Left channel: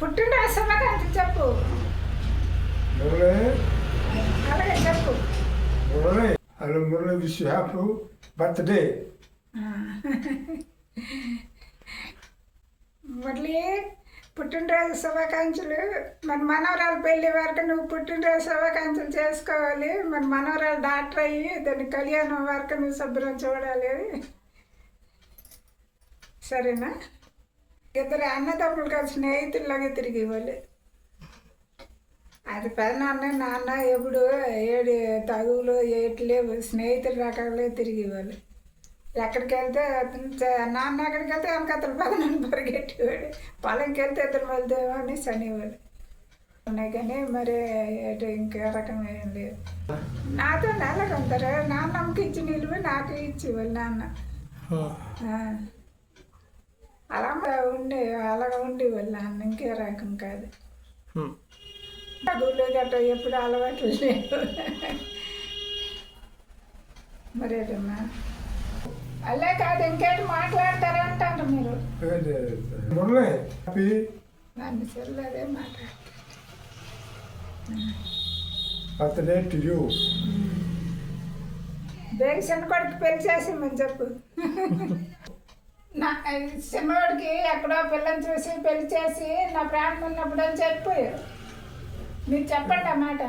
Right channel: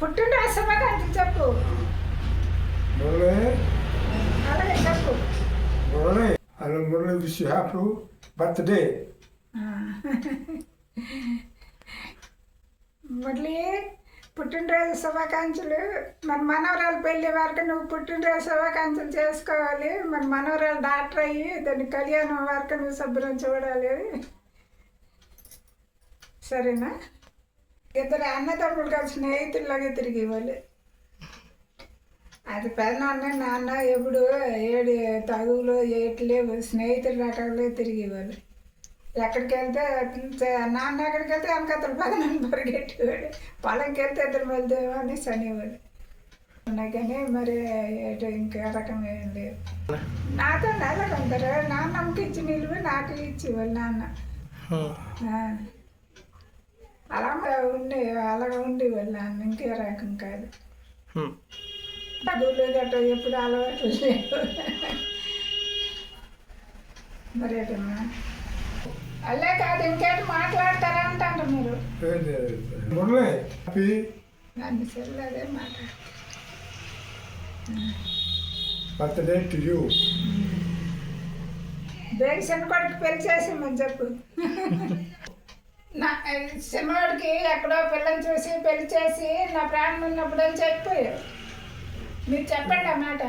పుట్టినరోజు శుభాకాంక్షలు చెప్పు. అలాగే చెప్పు. Hello Murali, wish you happy birthday. Murali, పుట్టినరోజు శుభాకాంక్షలు. మన మనవరాలు పెళ్ళి వరకు నువ్వు పుట్టినరోజు శుభాకాంక్షలు చేసుకోవాలి. మన మనవరాలు డాక్టర్ అయ్యి దాని కళ్యాణం వరకు నువ్వు శుభ్రం చూడాలి. సరేనా? ఇద్దరు అన్నదమ్ములు కలిసి స్నేహితుల్లాగా తిరిగి ఇవ్వాలి. అది పెదనాన్న నాన్న ఎప్పుడు ఏడు తగులు ఏట్లేవు, స్నేహితులు రకాలే తిరిగి ఇవ్వాలి. ఎక్కడికి వెళ్తే నాన్న ఎక్కడికి వెళ్తే వెనకతలు పదనాన్ని పరిగెట్టేవాడు, పొలంకి వెళ్తే ఇద్దరు వెళ్తేవా అని శనివాడు ఉన్నాయి. కానీ మరి ఇంకా రకం ఏం లేదు. నాతో నెలకు ఉంటారు. నాన్నమ్మకి ఇచ్చి నిలువు నాకు ఇచ్చేవాళ్ళు నాన్న. అలాగ ఉండేవాళ్ళు నాన్న. ఇంకే రకం కాదు. చదువులు గట్రా ఎప్పుడు అలవాట్లు లేవు. మరేటమ్మా అల్లే కాదు, ఇంకేంటి మాట్లాడతారా అంటారు మీరు. నన్ను చెల్లదే మాట. దేని చిన్నవాడికి పెళ్లి చేసామని చెప్పు. నా చిన్నవాడికి ఎక్కడో పిల్లని చూసి పెళ్లి చేసి నా ప్రాణం ఉన్నప్పుడు అని చెప్పిపోయావు. మీరు చెప్పండి ఆ మాట.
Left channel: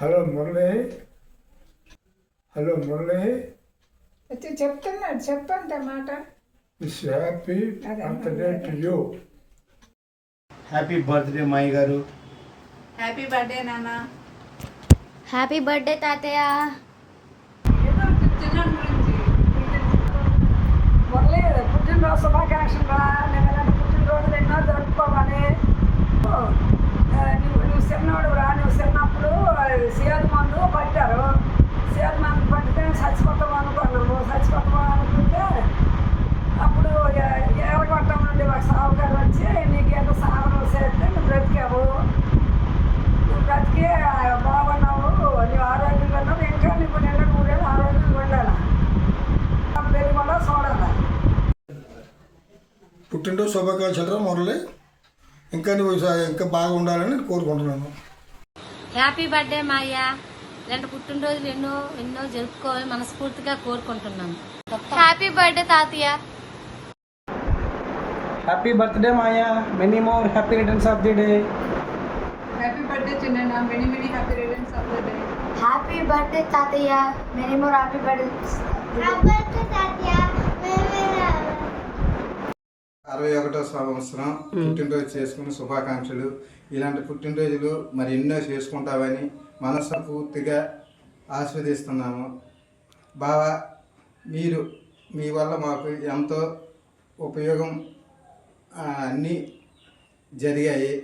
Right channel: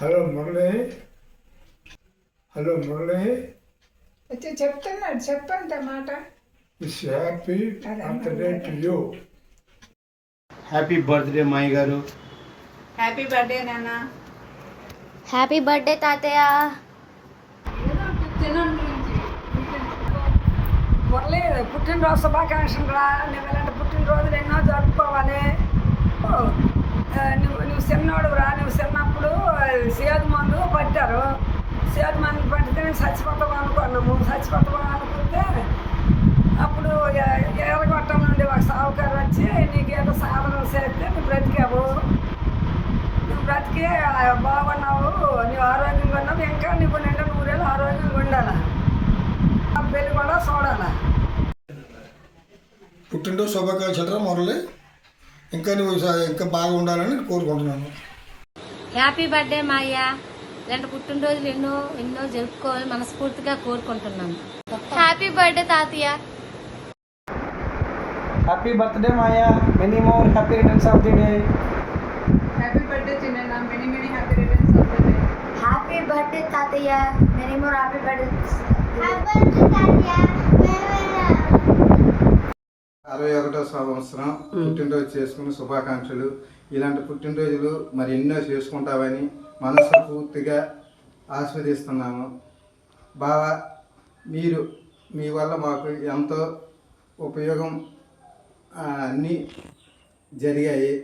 హలో మురళి, హలో మురళి వచ్చి చెప్తున్నాడు, చెప్పండి ఆ మాట. Wish happy birthday to you. Happy birthday Maya garu. Happy birthday నాన్న. హ్యాపీ బర్త్డే తాతయ్య. మురళి, పుట్టినరోజు శుభాకాంక్షలు రా. నువ్వు ఇలాంటి పుట్టినరోజులు ఎన్నో జరుపుకోవాలి. నువ్వు చిన్నోడు రా. నువ్వు చిన్నప్పుడు సేదు మందు పట్టారు. సేదు మందు పట్టితే నేను చచ్చిపోతావు అనుకున్నాము. చచ్చిపోతావు అనుకుంటే అప్పుడు ఎర్రగొట్టం నుండి ఒక సావుకారు వచ్చి నీకు ఏదో సాధన చేస్తే నువ్వు బ్రతికావు. నువ్వు బ్రతికి బాగున్నావు, నువ్వు ఆరోగ్యంగా ఉన్నావు. ఇంకా నువ్వు నిండా 100 ఏళ్ళు ఆరోగ్యంగా ఉండాలా. పెళ్ళి కూడా చూడాలా. పుట్టినరోజు శుభాకాంక్షలు రా మురళి. ఇంకా నువ్వు ఇంకా బాగా ఉండాలని కోరుకుంటున్నాను. Happy birthday Maya. ఇలాంటి పుట్టినరోజులు ఎన్నో ఎన్నో జరుపుకోవాలని మనస్ఫూర్తిగా కోరుకుంటున్నాను. హ్యాపీ బర్త్డే తాతయ్య. Happy birthday Maya. Many more happy returns of the day. Happy birthday చిన్న. Many many happy returns of the day. Happy birthday తాతయ్య. Many more happy birthday. 61వ సంవత్సరం పుట్టినరోజు చేసుకున్న శుభాకాంక్షలు. ఇలాంటి పుట్టినరోజులు మరి ఎన్నో చేసుకుంటామని మనస్ఫూర్తిగా ఆస్వాదిస్తున్నాము. బావా, మీరు మీ వల్ల మాకు ఎంతో ఉపయోగం అన్నీ జరిగాయి.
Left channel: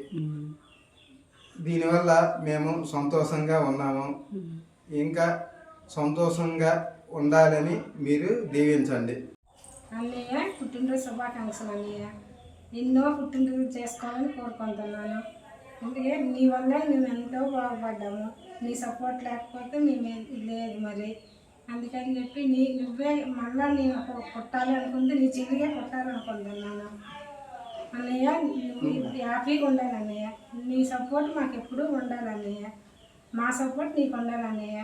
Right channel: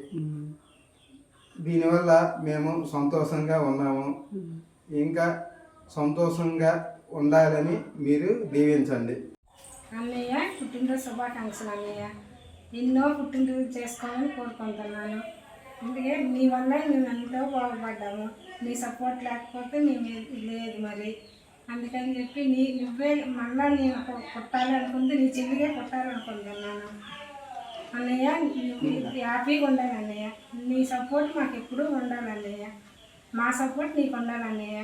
దీనివల్ల మేము సంతోషంగా ఉన్నాము. ఇంకా సంతోషంగా ఉండాలని మీరు దీవించండి. అన్నయ్య, పుట్టినరోజు శుభాకాంక్షలు అన్నయ్య. ఎన్నో పుట్టినరోజు చేసుకోవాలని కోరుకుంటున్నాను. అందుకే నీ వల్ల నేను ఎంతో బాగుపడ్డాము. నీ సపోర్ట్ లేకపోతే మేము లేదు మరి. అందుకని చెప్పి నువ్వే మళ్ళీ నేను పుట్టాలి అనుకుంటే నీ చెల్లిగా పుట్టాలనుకుంటున్నాను అన్నయ్య. హ్యాపీగా ఉండాలి అన్నయ్య. నీ సపోర్ట్ మాకు ఎప్పుడూ ఉండాలి అన్నయ్య. మా సపోర్ట్ నీకు ఉండాలి అన్నయ్య.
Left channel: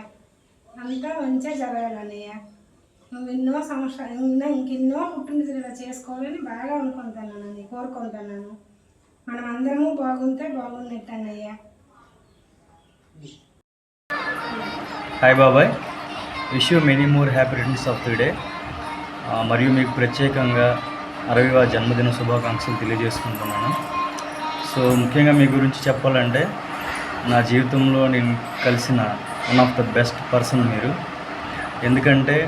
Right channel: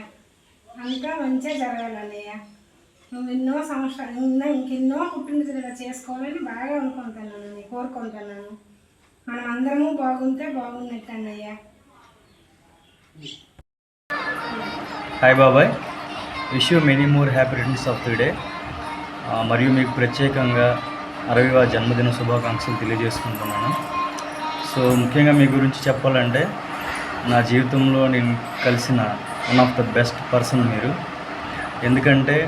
అంతా మంచిగా జరగాలి అన్నయ్య. నువ్వు ఎన్నో సంవత్సరాలు ఇంకెన్నో పుట్టినరోజులు ఇలా చేసుకోవాలని బాగా అనుకుంటున్నాను, కోరుకుంటున్నాను. మనం అందరము బాగుంటే బాగున్నట్టు అన్నయ్య. హాయ్ బాబాయ్, wish you many more happy returns of the day. మరియు మీకు ప్రత్యేకంగా 60వ జన్మదిన శుభాకాంక్షలు తెలియజేసుకుంటున్నాను. సో ముఖ్యంగా మీ గురించి చెప్పాలంటే నా జీవితంలో నేను కలిసిన one of the best person మీరు. ఎందుకంటే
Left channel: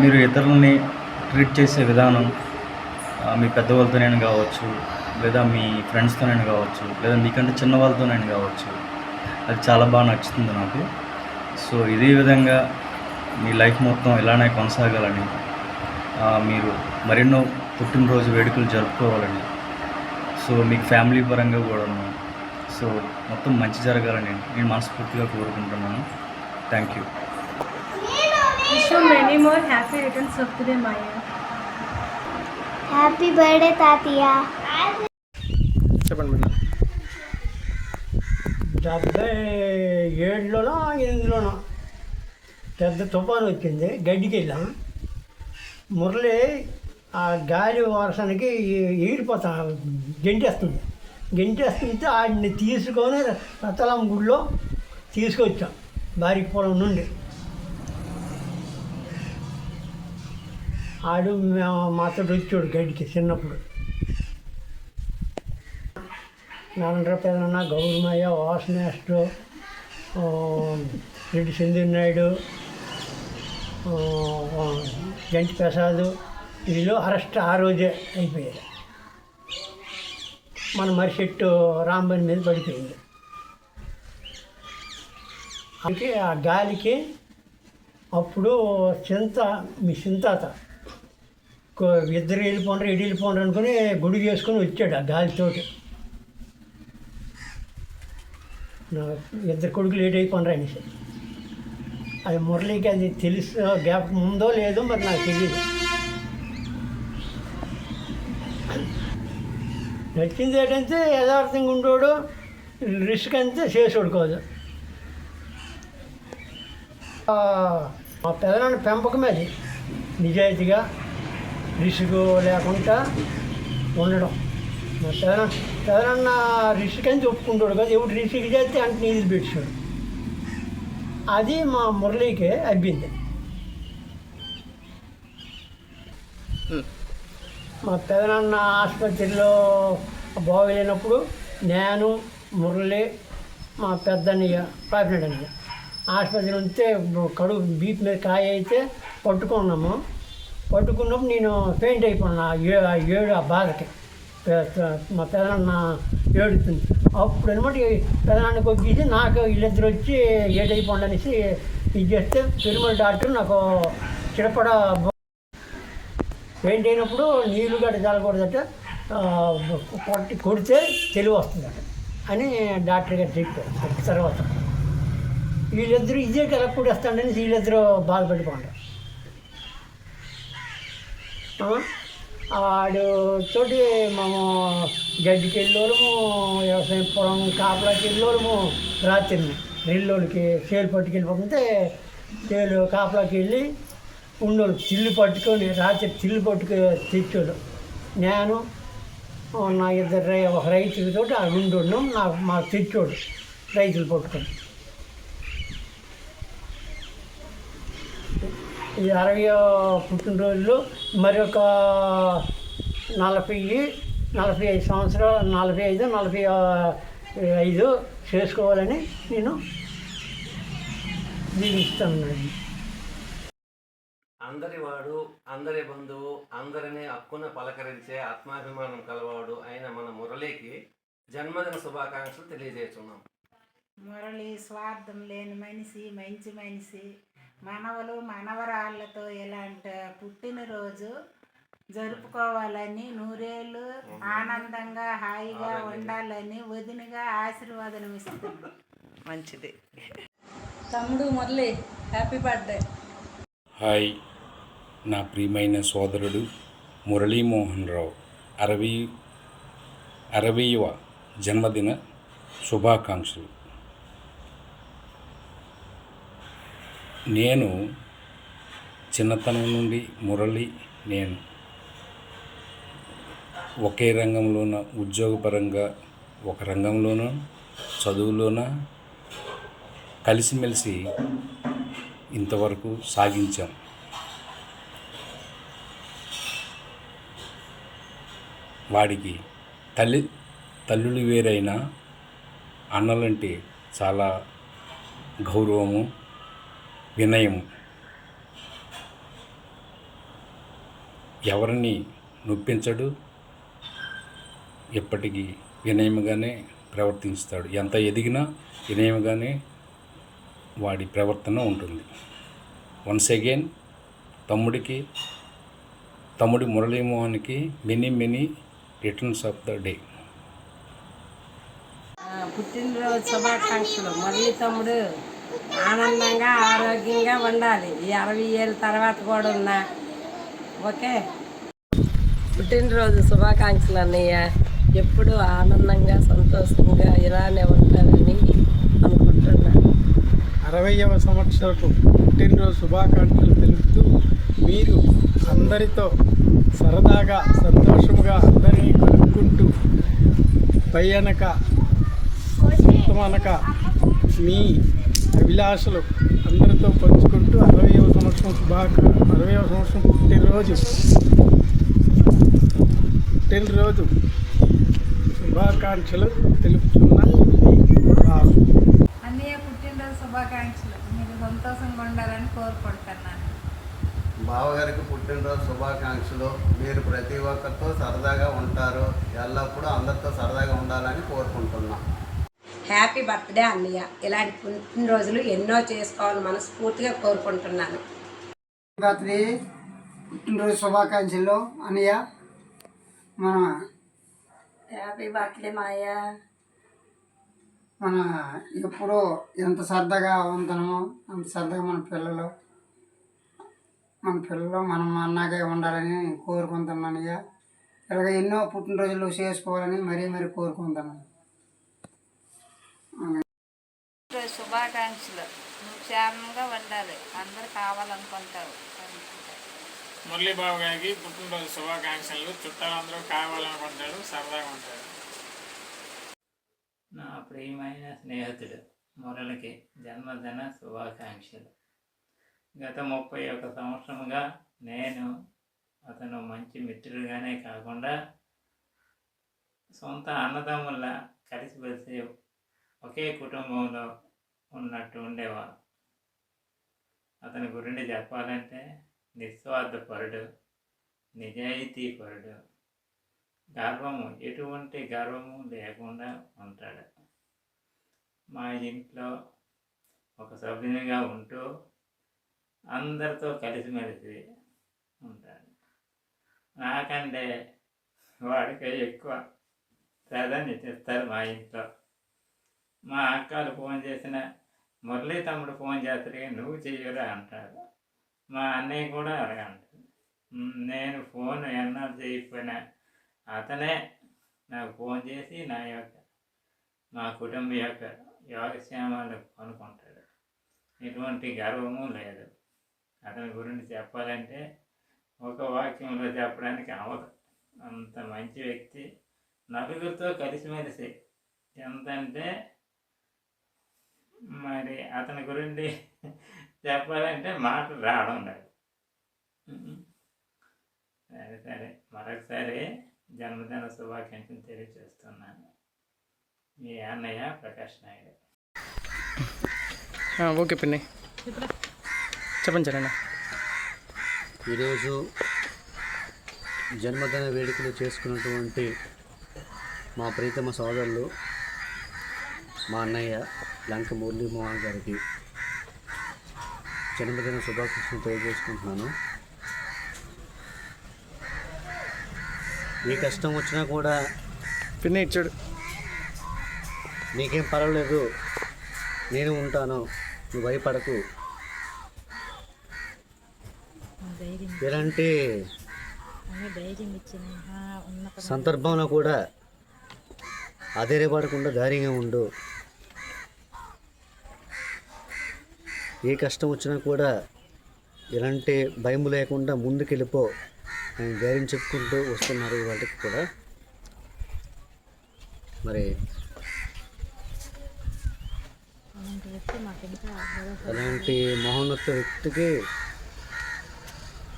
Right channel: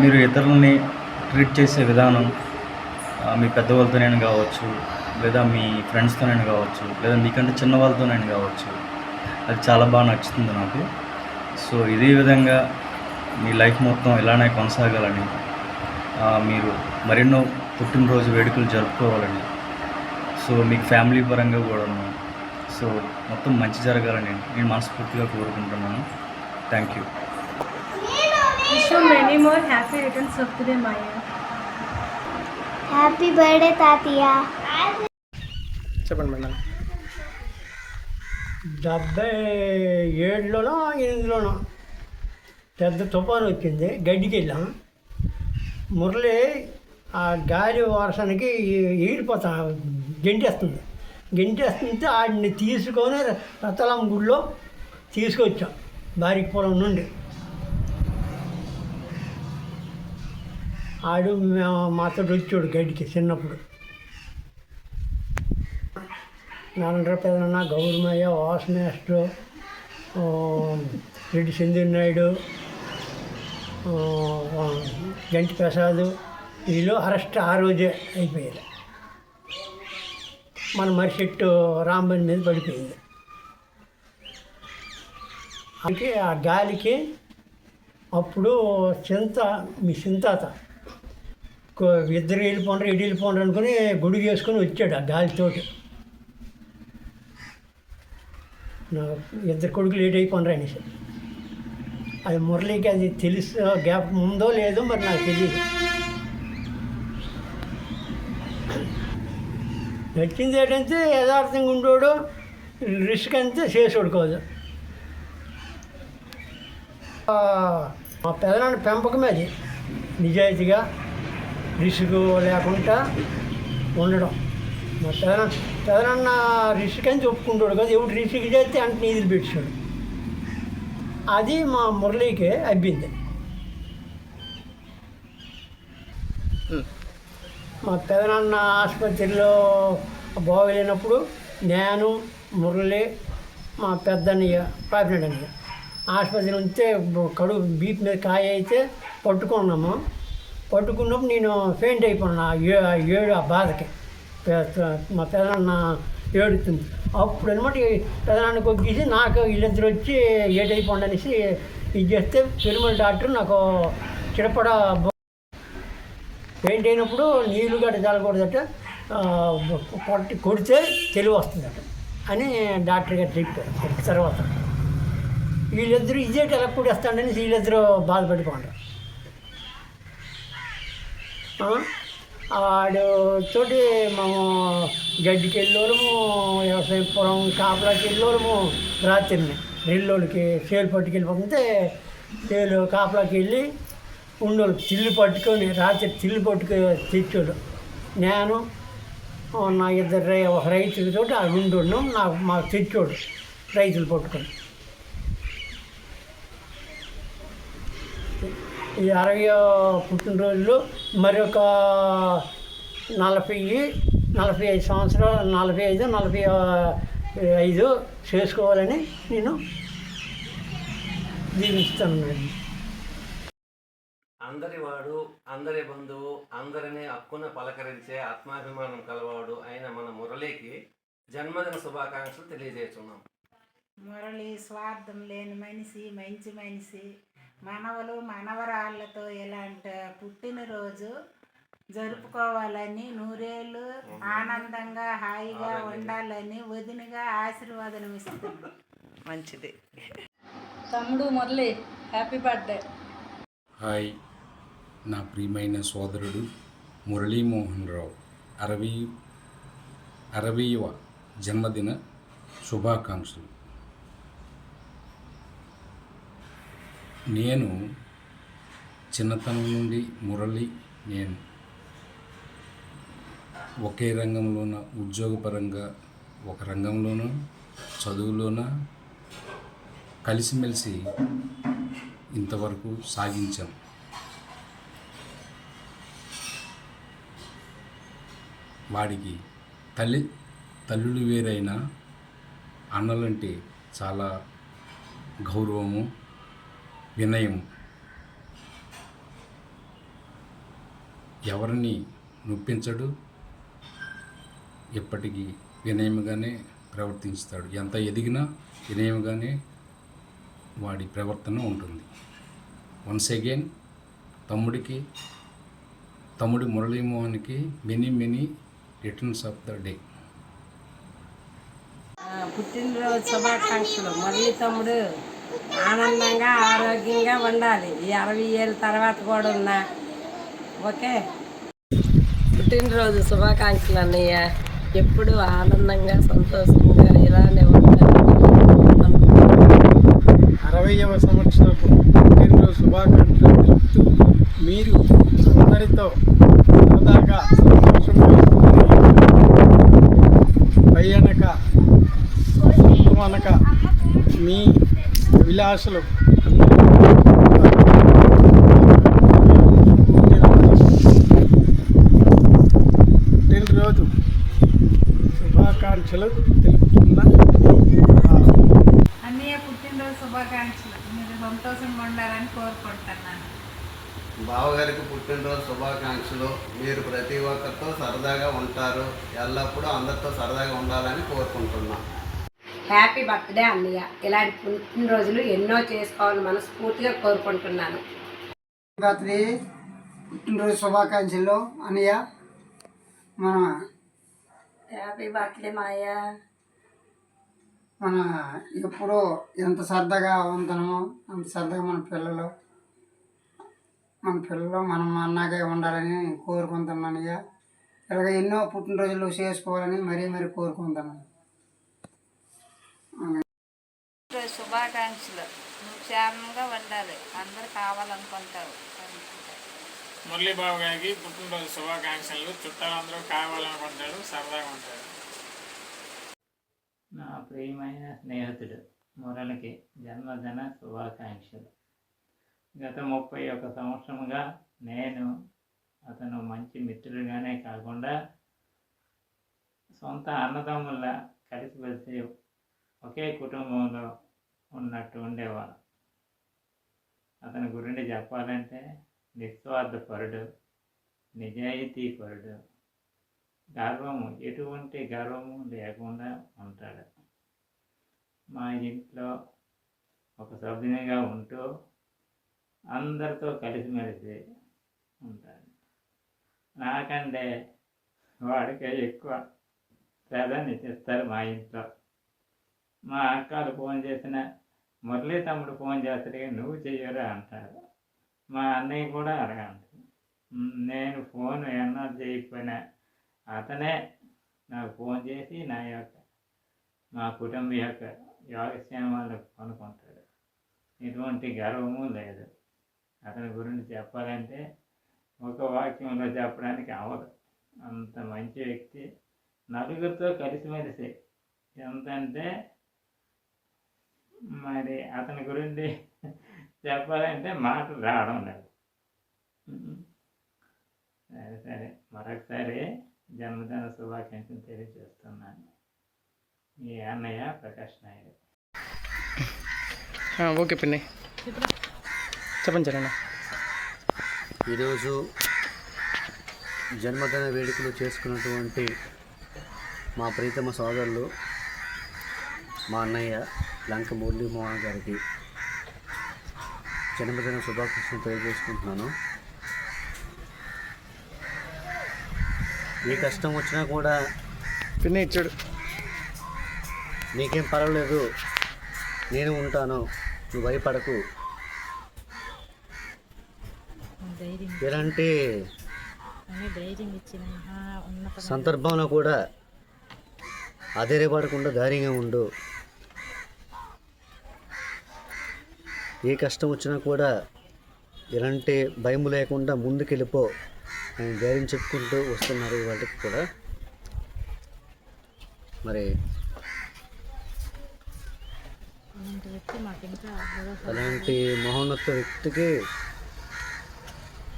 మీరు ఇతరులని ట్రీట్ చేసే విధానం, మీ పెద్దవాళ్ళతోనైనా కావచ్చు, లేదా మీ ఫ్రెండ్స్తోనైనా కావచ్చు, లేదా మీకంటే చిన్న వాళ్ళతోనైనా కావచ్చు, అది చాలా బాగా నచ్చుతుంది నాకు. సో ఇదే విధంగా మీ లైఫ్ మొత్తం ఇలానే కొనసాగాలని, మీరు మరెన్నో పుట్టినరోజు వేడుకలు జరుపుకోవాలని, సో మీకు ఫ్యామిలీ పరంగా కూడా సో మొత్తం మంచి జరగాలని నేను మనస్ఫూర్తిగా కోరుకుంటున్నాను. Thank you. Wish you many more happy returns of the day, Maya. Happy birthday తాతయ్య. చెప్పండి మేడం. 77లోనో 8లోనో పెద్ద తుఫాను వచ్చింది. గడ్డికి వెళ్ళాం. మురళి ఆ గాలి వర్షానికి ఈడిపోతా గెంటేస్తుంటే ఆడిని తీసుకొని రతలాం గుడిలో తీసుకొచ్చాం బారికపురం నుండి. ఆడు మాతో వచ్చాడు గడ్డికి చిన్నప్పుడు. నారాయణ పెదనన్న, గౌరమయ్య, వాసనేస్టు, రెడ్డి సింధు నాయుడు, జంటి ప్రసాద్ వీళ్ళు అరెస్ట్ ఆ రోజే అయిపోయారు. మన మరిచెట్టు రాంబని మీద పడిపోయింది. అందుకే ఆ గాలికి అప్పుడు మీ చింతాత ఇద్దరు వెళ్ళిపోండ్రు ఇటు వెళ్ళిపోండ్రు అనుకుని గుడి చేసుకొని వచ్చాడు ఆ గాలితోటి. ఇద్దరు కొడుకులు లేట్ అయిపోండ్రు అనేసి. అది మురళికి అది తెలుసు గ్యాప్ ఉందో లేదో మరి నాకు తెలియదు. నచ్చింది ఏంటంటే యథార్థంగా ఉండోడు, రిస్క్ అంతే చేసేవాడు కాదు. మా పెదనాన్న పెంపకమే అది, నిజాయితీగా రిస్క్ లేకుండా ఉండడం. మా పెదనాన్న రిస్క్ అంతే ఒప్పుకుంటాడు కదా, ఎవడు రిస్క్ చేస్తే అంటే నీళ్ళు పెట్టాడు. అది మా మురళికి అబ్బింది. మా పెదనాన్న ఆసుపత్రిలో బాగోలేనప్పుడు నేను, మురళి, మా పెద్దన్నయ్య కాకినాడ అన్నయ్య ఆసుపత్రి ఉంటే కడుపు బీపీ మీద కాయ అయితే పట్టుకున్నప్పుడు నేను పెయింట్ అయిపోయినా ఏడు ఆ బాధకి. మా పెదనాన్న ఏడుతుంది. అప్పుడు అనమాట పెదనాన్నకు ఒగ్గేసి నాకు వీళ్ళిద్దరు వచ్చి ఏటైపోండి అనేసి ఇది చేస్తే తిరుమల డాక్టర్ నాకు చిరపడ పెయింట్ అయినప్పుడు నీళ్ళు గడ్డ చల్లకూడదట, కొడితే తెలివి వస్తుందట అని డాక్టర్ గారు చెప్పారు. తర్వాత వీళ్ళిద్దరూ ఇదేటి ఎలా కూడేస్తాడని వీళ్ళిద్దరూ బాధపడిపోంటారు. ఆడు తోటి మేము గడ్డికి వెళ్ళోళ్ళము, వ్యవసాయం పొలం కాపలాకి వెళ్ళోళ్ళము. రాత్రిని రెల్లోళ్ళకి చేలు పట్టుకెళ్ళిపోతుంటే చేలు కాపలాకి వెళ్ళి ఉండోళ్ళు తిల్లు పట్టుకొని రాత్రి తిల్లు తెచ్చోడు. నేను నా ఇద్దరు ఒక రైతులతో ఆ ఉండున్నాం. మాకు తెచ్చోడు రైతులు పట్టుకొని. ఈ 60వ పుట్టినరోజులు మరొక 45 సంవత్సరాలు 45 చేసుకోవాలని నేను దీవిస్తాను. అందరి వాడు, అందరి బంధువు, అందరినీ హక్కున పలకరించే ఆత్మాభిమానం కలవాడు అయిన మన మురళికి జన్మదిన శుభాకాంక్షలు తెలియజేస్తున్నాం. మురళి స్వార్థం లేని మనిషి, మంచి మనిషి. మనవలు మనవరాళ్ళతో ఇలాంటి పుట్టినరోజు జరుపుకోవాలని, 100 ఏళ్ళు ఆనందంగా హాయిగా ఉండాలని వదినగా ఆశీర్వాదం ఇస్తుంది. మంచిది. తమ్ముడు మురళి, హ్యాపీ బర్త్డే. హాయ్, నా ప్రియమైన సోదరుడు మురళీమోహన్ రావు 60వ జన్మదిన శుభాకాంక్షలు. నేను చిన్నతనం నుండి మురళి నేను ఒకే రంగంలోన, ఉద్యోగపరంగా ఒక రంగంలోనూ, చదువులోన కలిసిమెలిసి ఇంతవరకు సాగించాం. వాడికి తల్లులు వేరైనా అన్నలంటే చాలా గౌరవము, వినయము. ఎవరిని నొప్పించడు, ఎప్పటికీ వినయముగానే ప్రవర్తిస్తాడు. ఎంత ఎదిగినా వినయముగానే వాడి ప్రవర్తన ఉంటుంది. వన్స్ అగైన్ తమ్ముడి మురళీమోహన్కి many returns of the day. పుట్టినరోజు శుభాకాంక్షలు. మురళి తమ్ముడు ఆనందంగా ఆరోగ్యంగా ఉండాలి. ఈ 60 ఏళ్ళ తర్వాత కూడా ఉన్నా. ఓకే. పుట్టినరోజు శుభాకాంక్షలు అన్నయ్య. ఎప్పుడు ఆనందంగా సంతోషంగా ఇలానే ఉంటారని అనుకుంటున్నాను. 60వ సంవత్సరపు పుట్టినరోజు శుభాకాంక్షలు తెలుపుతూ మీరు అందరితో సరదాగా సంతోషంగా పైనక సొంతమనక మీ అభిలాషలు అందరితో పుట్టినరోజు శుభాకాంక్షలు తెలుపుతున్నా. అన్నయ్య పుట్టినరోజు శుభాకాంక్షలు. మీరు సంతోషంగా ఉండాలని కోరుకుంటున్నాను. బావగారికి పుట్టినరోజు శుభాకాంక్షలు. మీరు ప్రతి ఒక్కరితో సరదాగా ఉంటారు, ఎల్లప్పుడూ అందరితో సరదాగా ఉండాలని కోరుకుంటున్నాం. హ్యాపీ బర్త్డే అన్నయ్య. ఇలాంటి పుట్టినరోజులు ఎన్నో చేసుకోవాలని మనస్ఫూర్తిగా కోరుకుంటున్నాను. బర్త్డే పుట్టినరోజు శుభాకాంక్షలు అన్నయ్య. మన హ్యాపీ బర్త్డే మాయ. మన ఎప్పుడూ ఎంత సరదాగా ఉంటామో అంత సరదాగా మన పిల్లలు మనం అన్నాగే ఉండాలని కోరుకుంటున్నాను. ఇక ఇలాగ ఎన్నో పుట్టినరోజులు చేసుకోవాలని మరీ కోరుకుంటున్నాను. శుభాకాంక్షలు. నువ్వు క్షేమంగా ఉండాలి, అందరు కావాలనుకుంటావు. మురళీబాబు గారికి పుట్టినరోజు శుభాకాంక్షలు. చుట్టాలందరూ కావాలనుకుంటారు, సరదాగా ఉంటారు. నా ప్రియమైన స్నేహితుడు మురళికి జన్మదిన శుభాకాంక్షలు. గత 31 సంవత్సరముగా నేను అతను మంచి మిత్రుడిగానే కాకుండా సొంత అన్నదమ్ముల కలిసిమెలిసి ఒకే కుటుంబంలో ఉన్నట్టు ఉండేవారు. అతని గురించి చెప్పాలంటే నిస్వార్థపరుడు, నిజాయితీపరుడు, ఎటువంటి గర్వము లేకుండా ఉంటాడు. మా ఇంట్లో ఒక సభ్యునిగా ఉంటూ అందరితో కలిసిమెలిసి ఉంటాడు. నాకంటే వాడికి ఎక్కువ ప్రాధాన్యత ఇస్తారు మా ఇంట్లో. మా అక్కలు ఫోన్ చేసిన మురళీ తమ్ముడు ఫోన్ చేస్తాడు, నువ్వు చెయ్యరా అంటారు. మా అన్నయ్య కూడా అలాగే అంటాడు. నేను ఫోన్ ఎన్నాళ్ళు చేయకపోయినా అతనే నాకు ఫోన్ చేసి మా కుటుంబ యొక్క యోగక్షేమాలు కొనుక్కుంటాడు. ఎటువంటి గర్వము లేదు. అతని గురించి చెప్పాలంటే ఒక వాక్యంలో చెప్పడానికి అవదు. అంత మంచి వ్యక్తి. నలుగురితో కలిసిమెలిసి ఎంతంటే మరి అతని గురించి చెప్పాలంటే మాటలు రావడం లేదు. సరే మరొకసారి జన్మదిన శుభాకాంక్షలు తెలియజేస్తున్నాను. మీ అన్నయ్య ప్రకాష్ నాయుడు. ఓకే పిన్ని, చెప్పండి సరేనా. ఈరోజు జన్మదిన వేడుకలు చేసుకున్నటువంటి మా ప్రీతమ సోదరులు మా అన్నయ్య లంక మురళీ మోహన్ గారికి జన్మదిన శుభాకాంక్షలు తెలియజేసుకుంటున్నాను. ఏ కష్టం వచ్చినా కూడా పిన్ని ఇచ్చాడు, నీకేం పర్వాలేదు, నేను ఉంటాను, నువ్వు భయపడకు, ఎలాంటి సందర్భంలో కూడా అధైర్యపడకుండా ధైర్యంగా ఉండు, ఏ కష్టం వచ్చినా కూడా ఎలాంటి భయం లేకుండా ముందుకెళ్ళిపో అని ధైర్యం చెప్పుకుంటూ వస్తున్నారు ఇవాళకి కూడా. మరి అలాంటి మహోన్నత వ్యక్తికి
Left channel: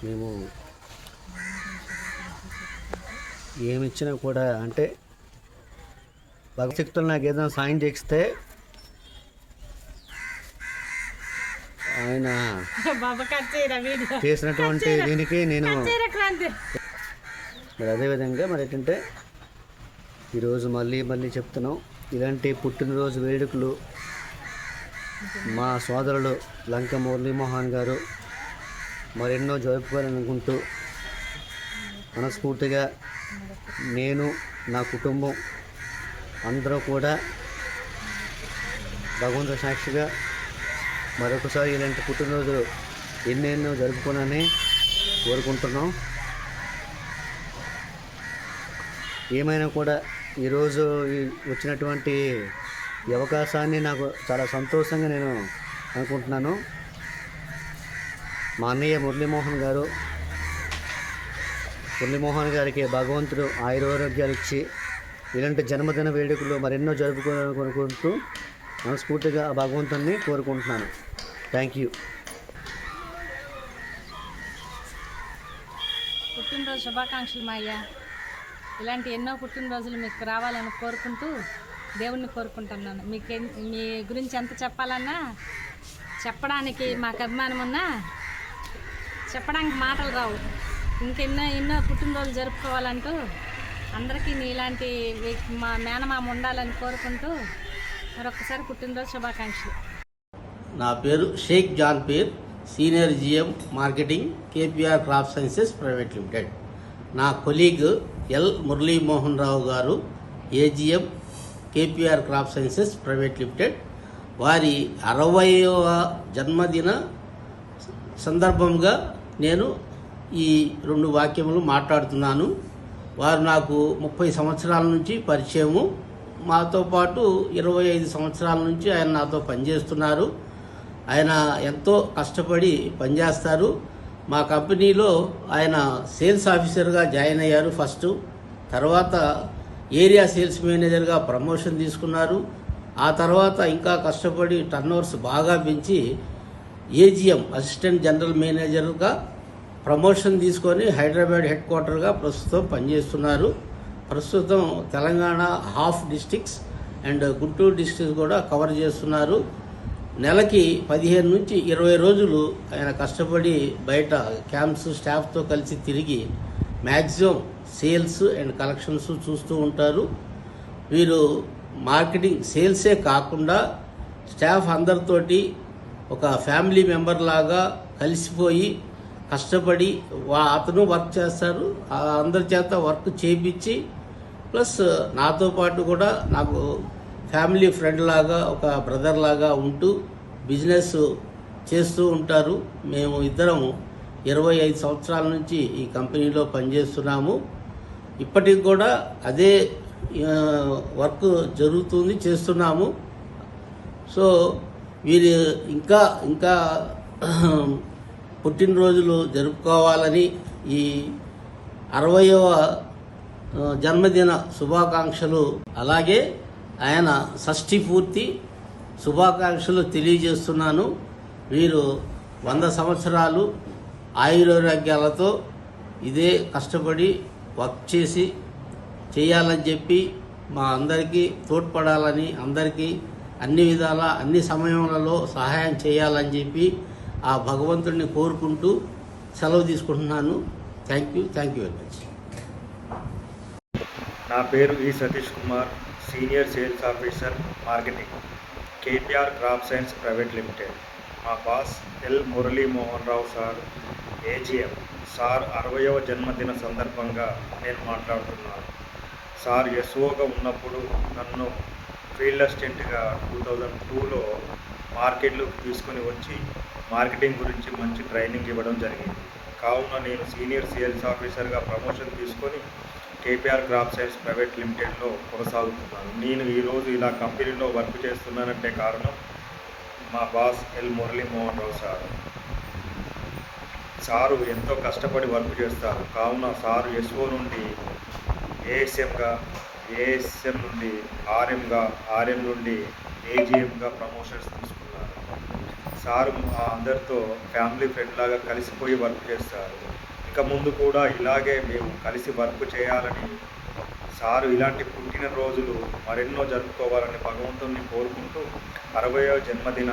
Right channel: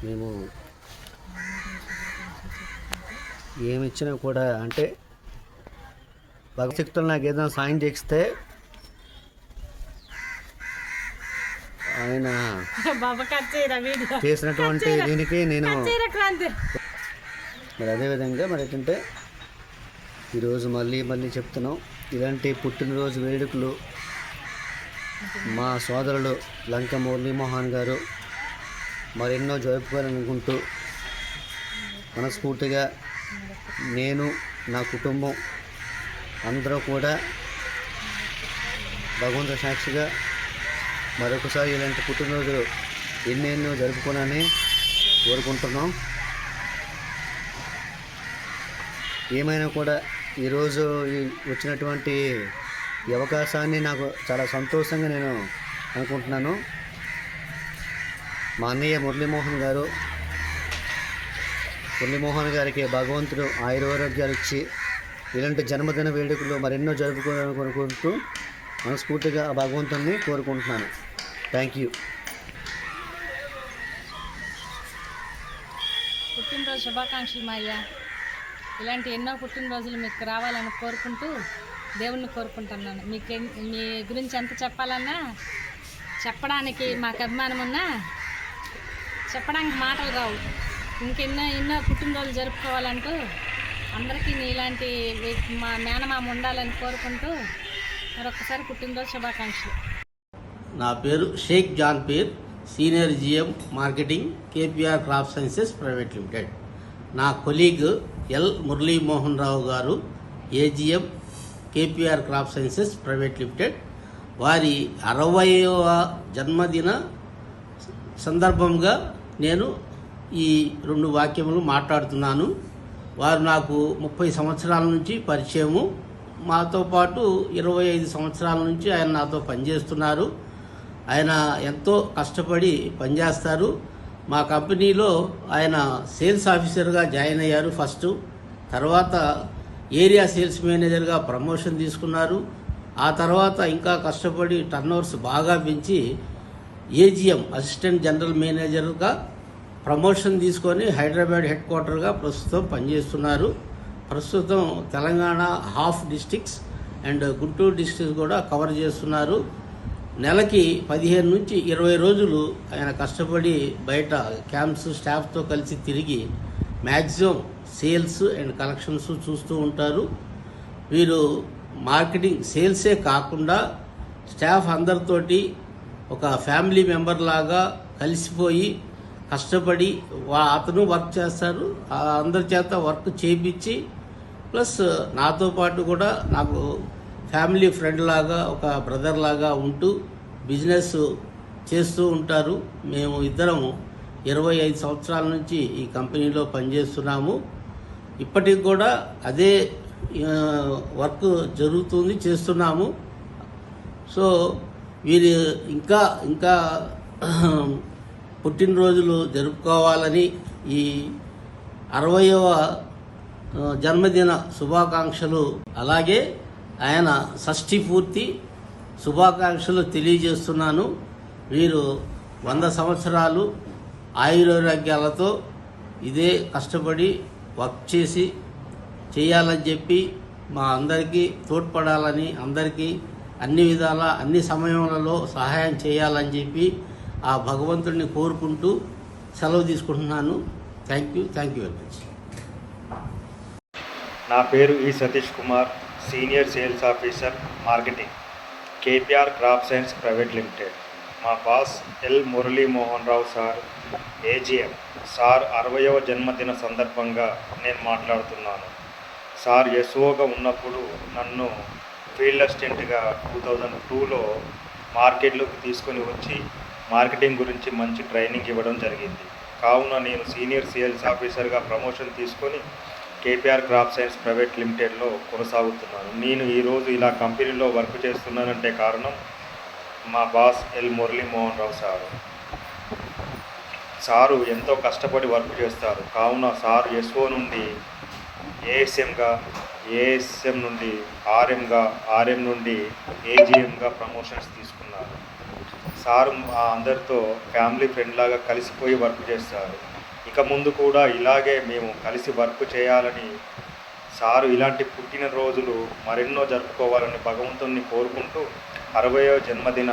మేము ఏమిచ్చినా కూడా అంటే భగవశక్తులు నాకు ఏదైనా సాయం చేస్తే ఆయన చేసినటువంటి దీనికి నేను మరి అదేవిధంగా మరి ఏంటంటే ఈరోజు మళ్ళీ చెప్తున్నాం, ఇలాంటి పుట్టినరోజు వేడుకలు మా సోదరులు లంక మురళీమోహన్ గారు మరెన్నో జరుపుకోవాలనుకుంటూ మనస్ఫూర్తిగా నేను నా కుటుంబం అందరూ కూడా భగవంతుడి సాక్షిగా మరొకసారి ఇలాంటి పుట్టినరోజులు ఎన్నెన్నో జరుపుకోవాలని కోరుకుంటున్నాం. ఏమైనా కూడా ఈరోజు వచ్చినటువంటి ఈ అవకాశాన్ని నాకు చాలా సంతోషంగా నేను అనుకుంటున్నాను. మా అన్నయ్య మురళీమోహన్ గారికి భగవంతుడు ఆయురారోగ్యాలు ఇచ్చి ఇలాంటి జన్మదిన వేడుకలు మరెన్నో జరుపుకోవాలని కోరుకుంటూ మనస్ఫూర్తిగా ఆ భగవంతుడిని కోరుకుంటున్నాను. Thank you. పుట్టినరోజు శుభాకాంక్షలు మా అయ్యా. ఇలాంటి ఎన్నో పుట్టినరోజులు మీకు రావాలని కోరుకుంటూ దేవుణ్ణి కోరుకుంటున్నాను. మీ గురించి ఎంత చెప్పాలన్నా చెప్పడానికి మాకు అభిమానం ఉన్నా చెప్పడానికి మాటలు రావు. ఎన్నో పుట్టినరోజులు జరుపుకోవాలంటూ అందరికీ ఇలాంటి మా మేనమామ ఉండాలని కోరుకుంటూ మరొకసారి పుట్టినరోజు శుభాకాంక్షలు. నా పేరు Sheikh Janpeer, senior GM marketing, KPR crop sciences private limited. నా colleague L Muralimohan Rao garu, AGM, KPR crop sciences private limited. వారి 60వ జన్మదిన సందర్భంగా నేను ఈ 2 వాక్యములు మాట్లాడుతున్నాను. వారు నాకు 30 సంవత్సరాల నుంచి పరిచయము. మాతో పాటు 25 సంవత్సరాల నుంచి ఆయన నాతో పనిచేస్తున్నారు. ఆయన ఎంతో కష్టపడి పనిచేస్తారు. మా కంపెనీలో ఆయన సేల్స్ ఆఫీసర్గా జాయిన్ అయ్యారు ఫస్ట్. తర్వాత ఏరియా సేల్స్ మేనేజర్గా ప్రమోషన్ తీసుకున్నారు. ఆ తర్వాత ఇంకా కష్టపడి టర్నోవర్స్ బాగా పెంచి ఏజిఎం అసిస్టెంట్ జనరల్ మేనేజర్గా ప్రమోషన్ తీసుకొని హైదరాబాద్ హెడ్ క్వార్టర్గా ప్రస్తుతం పనిచేస్తున్నారు. ప్రస్తుతం Telangana half districts and Guntur districts కూడా కవర్ చేస్తున్నారు. నెలకి 15 నుంచి 20 రోజులు ఆయన కష్టపడి బయట క్యాంప్స్ స్టాఫ్తో కలిసి తిరిగి మ్యాక్సిమం సేల్స్ అండ్ కలెక్షన్స్ చూస్తూ ఉంటారు. వీరు మార్కెటింగ్ సేల్సే కాకుండా స్టాఫ్ అందరితోటి ఒక ఫ్యామిలీ మెంబర్ లాగా కలిసిపోయి కష్టపడి అతను వర్క్ చేస్తారు. అందరి చేత వర్క్ చేయించి ప్లస్ నాతో పాటు కూడా నాకు ఫ్యామిలీ ఫ్రెండ్ లాగా ఒక బ్రదర్ లాగా ఉంటూ బిజినెస్ చేస్తూ ఉంటారు. మేము ఇద్దరము 25 సంవత్సరాల నుంచి ఈ కంపెనీలో పనిచేస్తున్నాము. ఇప్పటికి కూడా అదే వర్క్ జరుగుతుంది, చేస్తున్నాము. సో వీరు ఇంకా పుట్టినరోజులు జరుపుకోవాలని ఈ 60వ జన్మదిన శుభాకాంక్షలు, అలాగే ఆయన షష్ఠి పూర్తి శుభాకాంక్షలు తెలియజేస్తున్నాను. వీరు 100 సంవత్సరాలు ఆయురారోగ్యాలతో ఇదే కష్టపడి వర్క్ చేయాలని చెప్పి మా అందరికీ తోడ్పడాలని, అందరికీ అన్ని విధాల అన్ని సమయములలో సహాయం చేయాలని చెప్పి ఆ భగవంతుడిని కోరుకుంటూ సెలవు తీసుకుంటున్నాను. Thank you very much. నా పేరు ఈ Satish Kumar, senior sales officer marketing, KPR crop science private limited. మా బాస్ ఎల్ మురళీమోహన్ రావు సార్, ఏజిఎం. సార్ 60వ జన్మదిన సందర్భంగా నేను మాట్లాడుతున్నాను. సార్ ఎస్ఓగా ఉన్నప్పుడు నన్ను ఫీల్డ్ అసిస్టెంట్గా 2002లో మార్కెట్లోకి తీసుకొని వచ్చి మార్కెటింగ్ గురించి మంచి ట్రైనింగ్ ఇవ్వడం జరిగింది. కావున నేను సీనియర్ సేల్స్ ఆఫీసర్గా ప్రమోషన్ తీసుకొని కేపీఆర్ క్రాప్ సైన్స్ ప్రైవేట్ లిమిటెడ్లో కొనసాగుతున్నాను. నేను ఈరోజు ఇలా కంపెనీలో వర్క్ చేస్తున్నానంటే కారణం మా బాస్ ఎల్ మురళీమోహన్ రావు సారు. సారు ఎంతో కష్టపడి వర్క్ చేస్తారు. కావున సారు ఎస్ఓ నుండి ఏఎస్ఎంగా, ఏఎస్ఎం నుండి ఆర్ఎంగా, ఆర్ఎం నుండి ఏజిఎంగా ప్రమోషన్స్ తీసుకున్నారు. సారు అందరితో ఫ్యామిలీ ఫ్రెండ్ లాగా కలిసిపోయి వర్క్ చేస్తారు. ఇక ముందు కూడా ఇలాగే మేము కలిసి వర్క్ చేయాలని, సారు ఇలాంటి పుట్టినరోజులు మరెన్నో జరుపుకోవాలని భగవంతుని కోరుకుంటూ 60వ జన్మదిన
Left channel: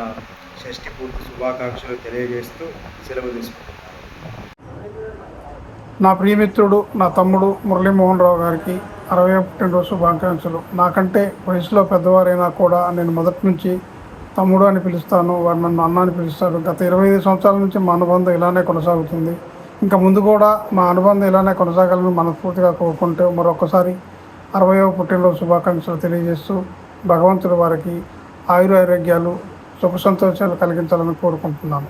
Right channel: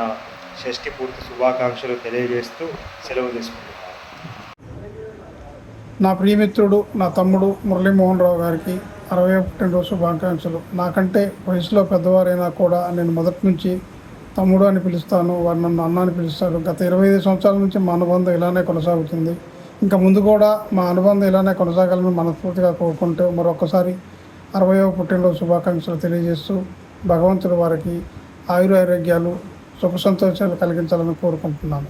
షష్ఠి పూర్తి శుభాకాంక్షలు తెలియజేస్తూ సెలవు తీసుకుంటున్నాను. నా ప్రియమిత్రుడు, నా తమ్ముడు మురళీమోహన్ రావు గారికి 60వ పుట్టినరోజు శుభాకాంక్షలు. నాకంటే వయసులో పెద్దవారైనా కూడా నేను మొదటి నుంచి తమ్ముడు అని పిలుస్తాను, వారు నన్ను అన్న అని పిలుస్తారు. గత 25 సంవత్సరాల నుంచి మా అనుబంధం ఇలానే కొనసాగుతుంది. ఇంకా ముందు కూడా మా అనుబంధం ఇలానే కొనసాగాలని మనస్ఫూర్తిగా కోరుకుంటూ మరొకసారి 60వ పుట్టినరోజు శుభాకాంక్షలు తెలియజేస్తూ భగవంతుడు వారికి ఆయురారోగ్యాలు, సుఖ సంతోషాలు కలిగించాలని కోరుకుంటున్నాను.